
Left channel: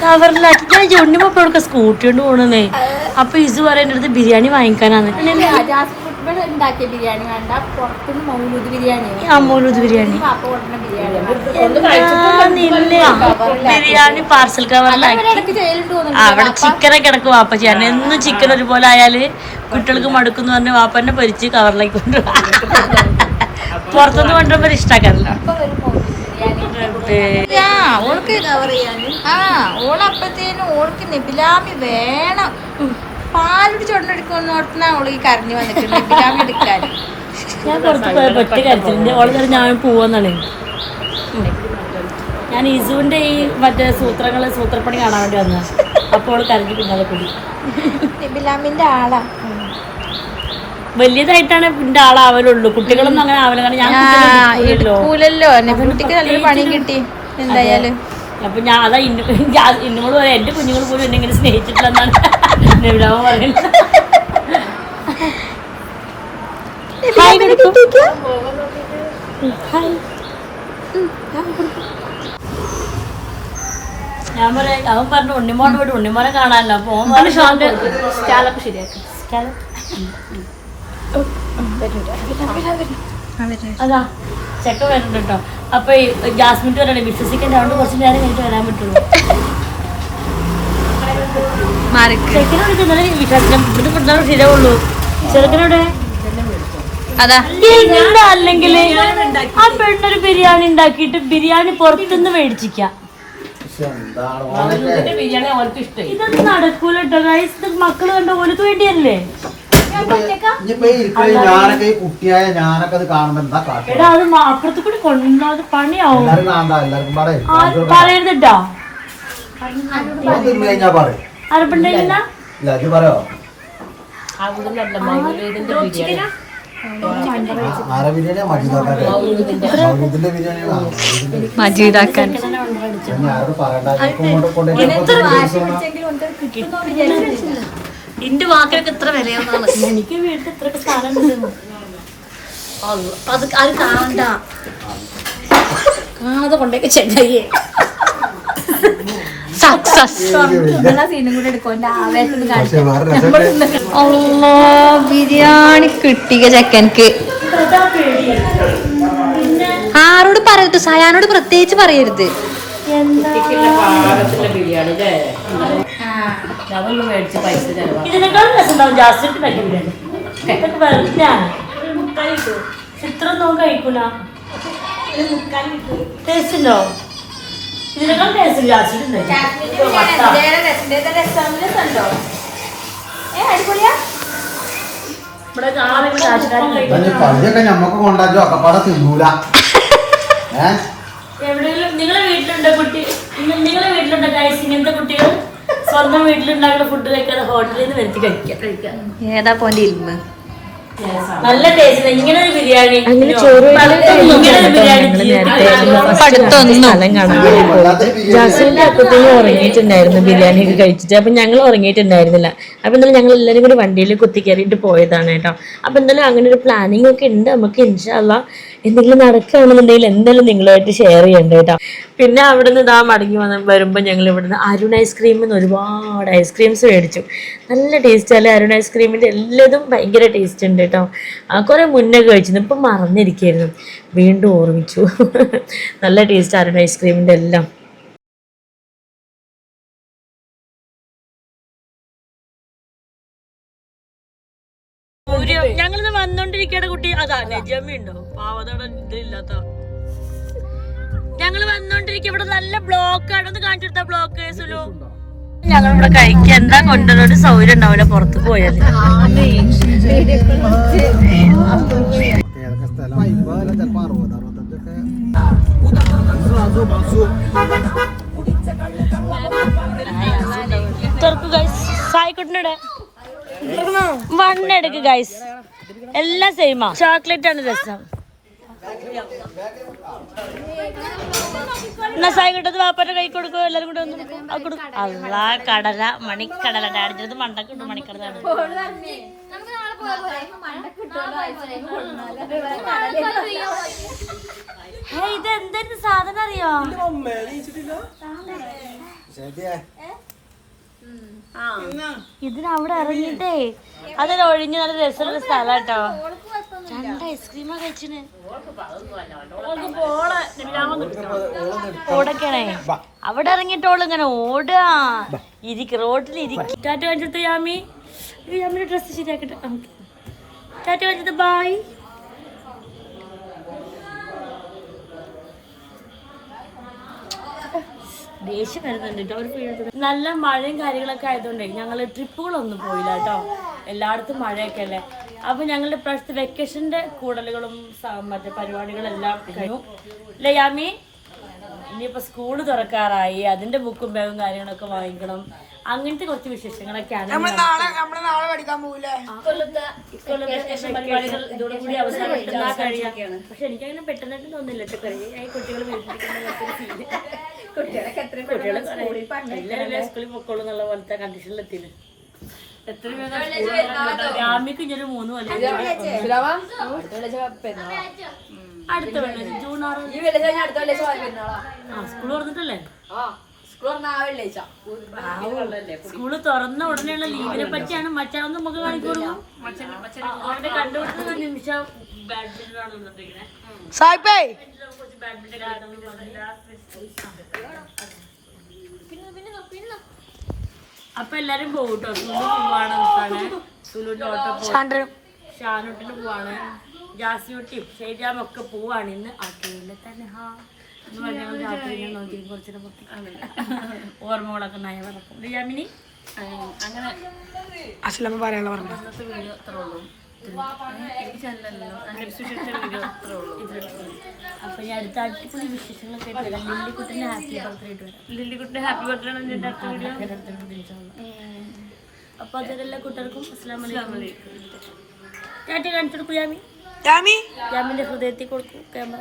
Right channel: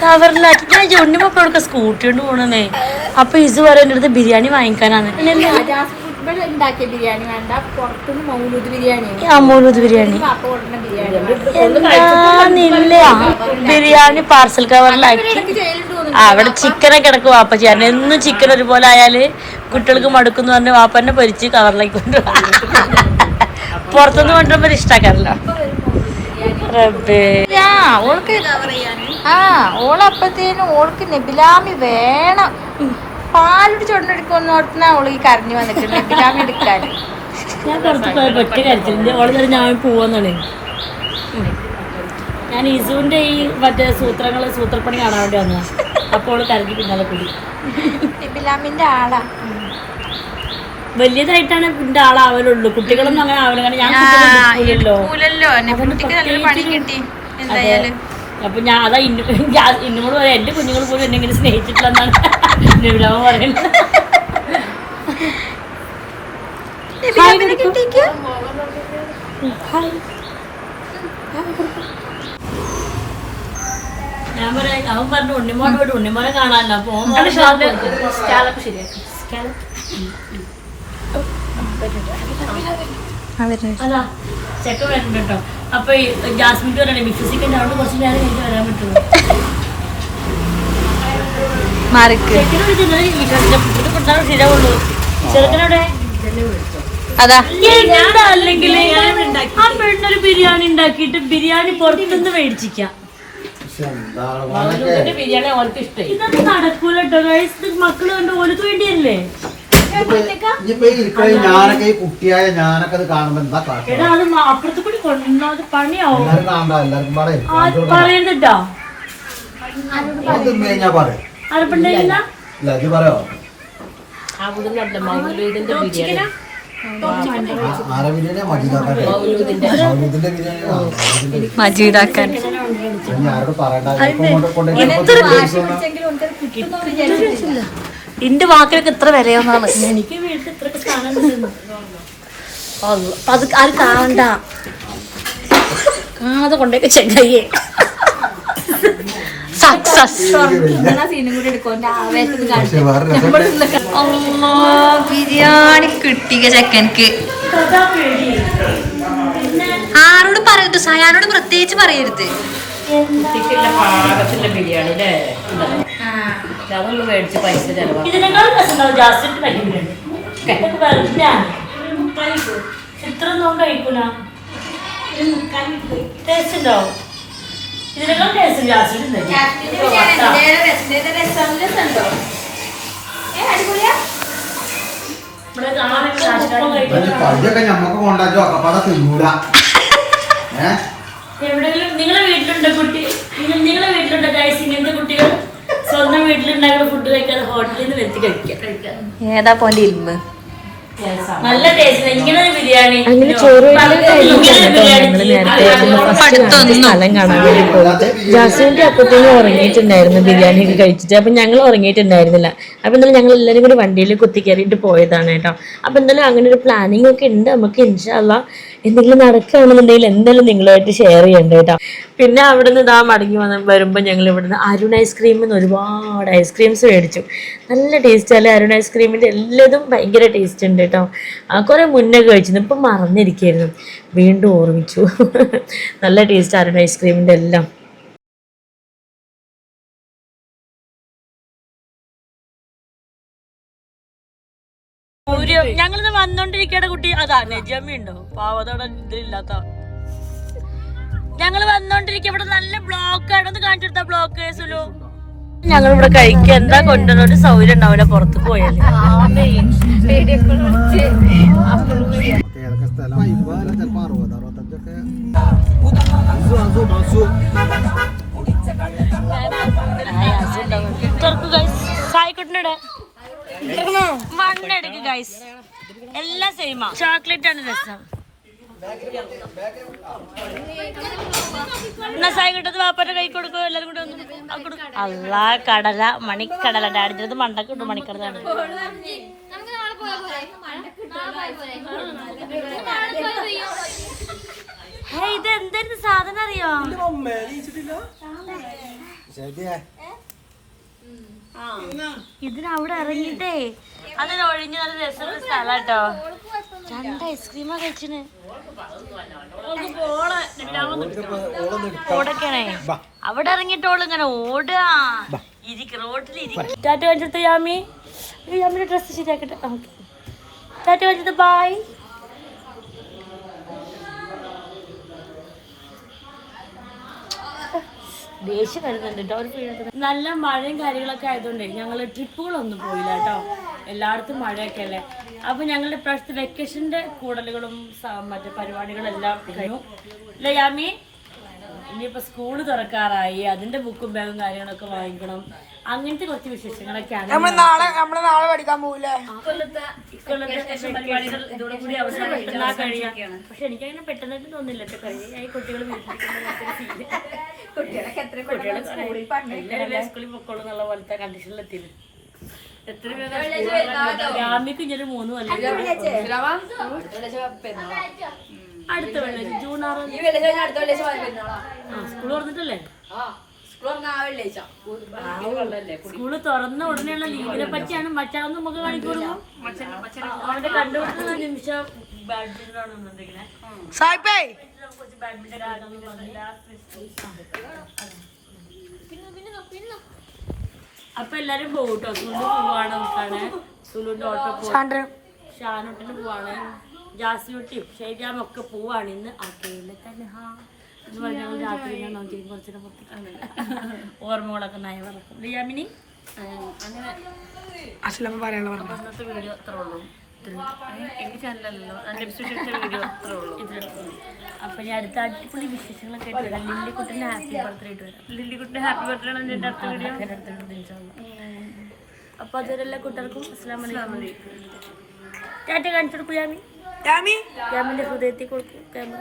കവറിലാക്കി. ഞാൻ ജോണിമൊക്കെ മക്കളൊക്കെ സ്കൂട്ടി കൊണ്ട് പോണേ അപ്പൊ ഇത് പറയുന്ന അടുത്ത് ബിരിയാണി വാങ്ങിക്കാനാണ് ഇവിടെ ഉണ്ടാക്കിയ ബിരിയാണി വേണ്ട പുറത്തുനിന്ന് മൗലൂദ് ബിരിയാണി. മൗലൂദ് ബിരിയാണി. പാപ്പ കൊടുക്കുന്ന ബിരിയാണി. ബിരിയാണി പാർസൽ കവറിലാക്കി ആ, അവിടെ ചിക്കനൊക്കെ കിടക്കും വാപ്പ ചെയ്യാൻ എന്നും ചിക്കൻ ഒരുപോലെ ആയാൽ കുട്ടികൾക്ക് മടുക്കുന്നു പറഞ്ഞ് വാപ്പന്നെ പൊരിച്ച് കവറിലേക്ക് കൊണ്ടുപോകാം പുറത്തുനിന്ന് കൊണ്ടുവരുമ്പോ ഇഷ്ടാക്കാറില്ല. റബ്ബേ. ആ ഓൾക്ക് ആ ഓളപ്പത്തേനും ഓൾക്ക് നെബിലാമി വേണം. പാലുടി ചുണ്ടെടുക്കുമെന്ന് ഓട്ടിനാ ഓൾ ഈ കരഞ്ഞു വന്നിട്ടുണ്ട് നെബിലാമി എടുക്കാൻ ഞാൻ പുറത്ത് പോയ പറ്റ കരച്ചിലിന്റെ ഓളെ ചേർന്ന് ഞാൻ പോവാന്നാണ്. ഞാൻ ഇസുവിന്റെ ഈ മറ്റേ സൂത്രങ്ങൾ സൂത്രപ്പണി കാണാൻ വേണ്ടി വന്നതാ. അപ്പോൾ കരഞ്ഞു പിന്നാലെ കൂടി. ആളാ. വലിയതായിട്ടാണ് എന്റെ ആളാവലുള്ളൂ. കുട്ടികളൊന്നും അങ്ങനെ ആവലോ. കാരണം ഞാൻ കുട്ടികളല്ലോ കുട്ടിക്ക് നല്ലൊരു പണി കിട്ടി. എന്തായാലും. അപ്പൊ ഞാൻ അതാ ഇന്നു ഇന്നുമോട് പറയാം എന്റെ കുഞ്ഞുങ്ങൾ പോലും എന്നെ ഇങ്ങനെ സ്നേഹിച്ചിട്ടില്ലെന്നാണ്. നബിലാമ പറയുന്നത്. ഞാൻ പറയാം അവൻ പറഞ്ഞു ഉണ്ണിമോനെ പോയിട്ട് ഉണ്ണിമോനെ കാണാനല്ല. അപ്പൊ ഓൻ പറഞ്ഞു ശരിയാക്കി. അതാ വരുന്നുണ്ട് കേട്ടോ അപ്പൊ ജാസ്മിൻ കുറച്ച് നേരം കഴിഞ്ഞിട്ട് വരാൻ പറ്റുള്ളൂ. അല്ലെങ്കിൽ ആ പെണ്ണൊരു ബിരിയാണി ഉണ്ടാക്കിയിട്ട് ബിരിയാണി പുറത്തുനിന്ന് മേടിച്ചിക്കാം. ബിരിയാണി ഇതൊന്നും നടക്കൂലോ മക്കൾ കണ്ട ഓർക്ക് വേണ്ടിയല്ലേ? ഇനിയിപ്പോ ഈ ഇരിക്കണ ഞാനൊക്കെ ഈ കുട്ടിയായ ഞാനൊക്കെ അത് കാണുമ്പോ എന്താ കാട്ടുക എടാ അത് മ- അപ്പുറത്ത് കൂടി പണിയാവും. എല്ലാരും കാണണ്ട? എല്ലാവർക്കും പാടേ ആരും പറയരുതട്ടോ. തിന്നു കഴിഞ്ഞാ പാടേ അറപ്പുണ്ടല്ല ഇല്ല അത് പറയോ? ആര ബിരിയാണിയാ? മജീദാക്കാട്ടെ. മൗലൂദിന്റെ. ബിരിയാണിയാണോ? മൗലൂദിന്റെ മജീദാക്കാൻ. ഇനി ആരോട് പറയണ്ട. ഇപ്പൊ കൊണ്ട് കൊണ്ടുപോയി എന്റെ വാക്കിലൊക്കെ ഇത്ര വിലയൊന്നാണ് എനിക്ക് വീട്ടിൽ ഇത്രയൊക്കെ സ്ഥാനം അത് അത് കാണണ്ട കാണാതെ കൊണ്ടേക്ക് ചെങ്ങയ്യേ സക്സസ് അല്ലോ ബിരിയാണി കിട്ടിയ ചെക്കൻക്ക്. ആരോട് പറയരുത്. സയാനോട് പ്രത്യേകിച്ച് പറയരുത്. അതൊന്നും മേടിച്ച് പൈസ നോക്കി കഴിക്കൂല? ടേസ്റ്റ് ഉണ്ടോ? ഇതിനേക്കാൾ ടേസ്റ്റ് ജാസ്മിൻ ഇവിടെ കാണാൻ ഈ പള്ളിയൊക്കെ ഞമ്മക്ക് കൊണ്ടാച്ചോ അക്കപ്പാടെ തിന്നൂല. ഏഹ് എവിടെയെങ്കിലും നിങ്ങളെ വീട്ടിലുണ്ടോ കുട്ടി? നിങ്ങൾ- നിങ്ങളെ വീട്ടിലുണ്ടോ ഗൈസ് ഇങ്ങനത്തെ കുട്ടികൾ? സ്വന്തം വീട്ടിലുണ്ടാക്കുന്ന ഫുഡ് കഴിക്കാതെ ഹോട്ടലിൽ നിന്ന് വരുത്തി കഴിക്കാം. ഏതാ പോന്റെ ഇരുന്ന് നല്ല ടേസ്റ്റ് ഇങ്ങനെ ഒരു ബിരിയാണി. അങ്ങനെ ചോറ് ഞങ്ങൾ നേരത്തെ പഠിത്തമൊന്നും. സ്ഥലം കാണാൻ വേണ്ടി പോയിട്ട് ജാസുവിന്റെ അപ്പത്തേനും ഉറങ്ങിയിട്ടുണ്ടായിരുന്നു ബിരിയാണി ഒക്കെ കഴിച്ചിട്ട്. അപ്പൊ ഞങ്ങൾ ഉറങ്ങിയിട്ടുണ്ടായിരുന്നില്ല. അപ്പൊ എന്തായാലും ഞങ്ങൾ എല്ലാവരും കൂടി വണ്ടിയിൽ കുത്തി കയറിയിട്ട് പോയതാണ് കേട്ടോ. അപ്പൊ എന്തായാലും അങ്ങനെ ഒരു പ്ലാനിങ് ഒക്കെ ഉണ്ട്. നമുക്ക് ഇൻഷാല്ല എന്തെങ്കിലും നടക്കുകയാണെന്നുണ്ടെങ്കിൽ എന്തായാലും നിങ്ങളുമായിട്ട് ഷെയർ ചെയ്യണ്ട കേട്ടോ പിന്നെ അവിടെ നിന്ന് ഇതാ മടങ്ങി വന്ന് വരുമ്പോൾ ഞങ്ങൾ ഇവിടുന്ന് അരുൺ ഐസ്ക്രീമിൽ നിന്ന് ഒരുപാട് ഐസ്ക്രീംസ് മേടിച്ചു. നല്ല ടേസ്റ്റ് അല്ലേ? അരുൺ ഐസ്ക്രീമിന്റെ എല്ലാതും ഭയങ്കര ടേസ്റ്റ് ഉണ്ട് കേട്ടോ കുറേ മുന്നേ കഴിച്ചിരുന്നു. ഇപ്പം മറന്നിരിക്കായിരുന്നു. വീണ്ടും ഓർമ്മിച്ചു. നല്ല ടേസ്റ്റ് അരുൺ ഐസ്ക്രീമിന്റെ എല്ലാം. വന്നോണ്ടിരിക്കയുടെ കുട്ടി അതാ നജമ്മി ഉണ്ടോ? പാവതോടെ ഇതില്ലാത്ത ഞങ്ങൾ വന്നോണ്ടിരിക്കും ഇവിടെ നല്ല ബ്ലോക്ക് ആണ്. ഒന്ന് കാണിച്ചു കൊടുത്ത ബ്ലോക്ക് സുലു? ഞങ്ങൾ ഇവിടെ കഴിക്കുക എന്താ കൊണ്ടുവരുന്ന ഒരു സൗകര്യം ഉണ്ടാവില്ല പുറത്ത് പോയാൽ സായിക്കുട്ടിനടെ വണ്ണെടുക്ക് ഗൈസ് എല്ലാം സെയിമാ ചോക്ലേറ്റ് ആണ് രസം. എന്നാ വാപ്പന്റെ കൈ കൊടുക്കോ എല്ലാരും കൂടെ ഒന്ന് ആ കൊടുക്കും അല്ലാ കടല മണിക്കടല. ഡാഡിച്ചത് മണ്ടക്ക് ഇട്ടു മണിക്കടലാണ് ഹേ ഇത് എന്തായിരുന്നു സാധനം അറിയോ? ശരിയേ. ഇതിനവിടെ ഇറങ്ങിട്ടേ അതൊരു ഒഴിഞ്ഞ് നല്ല രസമുള്ള സ്ഥലം കേട്ടോ രണ്ട് ഐസ്ക്രീമാ കഴിച്ചിന്. ഓടക്കണേ അവിടെ ഇറങ്ങിയിട്ടോൾ ഇങ്ങനെ ഓടാ ഇരിക്ക് റോഡിൽ ഇരിക്കും. കാണിച്ചെടുത്ത യാമി. ഈ യാമിന്റെ ഡ്രസ്സ് ശരിയാക്കട്ടെ. ടാറ്റ കാണിച്ചത് ബായ് ദേഷ്യം വരുന്നുണ്ട് കേട്ടോ അവർ ഫീൽ നല്ല മഴയും കാര്യങ്ങളൊക്കെ ആയതുകൊണ്ട് ഞങ്ങൾ ട്രിപ്പുകളൊന്നും പോയില്ല കേട്ടോ എല്ലായിടത്തും മഴയൊക്കെ അല്ലേ? അപ്പൊ ഞങ്ങളുടെ ഇപ്രാവശ്യത്തെ വെക്കേഷന്റെ കൂടലുകളും മറ്റേ പരിപാടികളെല്ലാം കഴിഞ്ഞു. അല്ലേ യാമി? ഇനിയിപ്പൊ സ്കൂൾ തുറക്കാറായി. അതിന്റെ ബുക്കും ബാഗും കാര്യങ്ങളൊക്കെ വാങ്ങിക്കണം. അങ്ങനത്തെ കുറച്ച് വിശേഷങ്ങളൊക്കെയാണ് നാളെ നമ്മൾ നാളെ പഠിക്കാൻ പോകില്ലേ ഇക്കൊല്ലത്തെ ഇക്കൊല്ലത്തെ പരിപാടികൾ ഇതോടെ കൂടി അവസാനം പക്ഷെ എനിക്കങ്ങനെ പെട്ടെന്നായിട്ട് തോന്നില്ല കുട്ടികൾ കുട്ടികളെ സ്കൂളിൽ പൊക്കോളൂ എന്നുള്ള പോലത്തെ കണ്ടീഷനിൽ എത്തിയില്ല എത്ര ജാമ്യക്ക് ഇഞ്ഞൊരു മൂന്ന് കൊല്ലം കൂടി. അടുത്ത വെള്ളിയാഴ്ച ജൂൺ ആറ്. ആ സ്കൂൾ തുറന്നിട്ടല്ലേ? സ്കൂൾ തുറന്ന ഉടനെയുള്ള ലീവിനെ പറ്റിയാണ് മച്ചാന്ന് നമുക്ക് കാണിക്കൊടുക്കും അവരുടെ കണ്ടുപിടുത്ത നിമിഷം ബാഡ്മിന്റൺ ആണ് സായിപ്പേ. അപ്പൊ എല്ലാരും പോകട്ടോ കേട്ടോ സുലു പോവാണ് നോക്കാണ് സുലുവിന്റെ ഓട്ടോ പോകും ഷാനോട്ടിന് പോവാണ്. ജാസിയൊട്ടിയും ഷെയ്ജാമും ഒക്കെ പോവാണ്. ഇന്ന് അക്കയിലെ തന്നെ ഹാ. എന്ന് പറഞ്ഞാൽ രാത്രി ഞാൻ നോക്കി കുറച്ചിട്ട് പൊട്ടി ഓർമ്മകളൊക്കെ നയ പറക്കും യാമിനി അങ്ങനെ അച്ഛനമ്മ പറയാനുള്ള പറഞ്ഞു ഇന്നത്തെ വീഡിയോ അത്രേ ഉള്ളൂ. ചാനലല്ലോ എന്റെ എപ്പിസോഡ് വീഡിയോ അത്രേ ഉള്ളൂ. അപ്പൊ ഞാൻ അടുത്ത അടിപൊളി വിശേഷങ്ങളൊക്കെ ആയിട്ട് വരാം. ലില്ലിക്കുട്ടിന്റെ ഹാപ്പി ബർത്ത്ഡേ ആയിട്ട് വരാം. ലില്ലിക്കുട്ടിന്റെ ഹാപ്പി ബർത്ത്ഡേ ആണ് എന്റെ അടുത്ത വീഡിയോ. അപ്പൊ അതുവരെ എല്ലാ കുട്ടികൾക്കും അസ്സാം വലൈക്കും ടാറ്റ കാണിച്ചു കൊടുക്കൂ യാമി. യാമി? യാമിന്റെ ഹൃദയത്തിൽ കൊടുക്കും ക്യാമറ.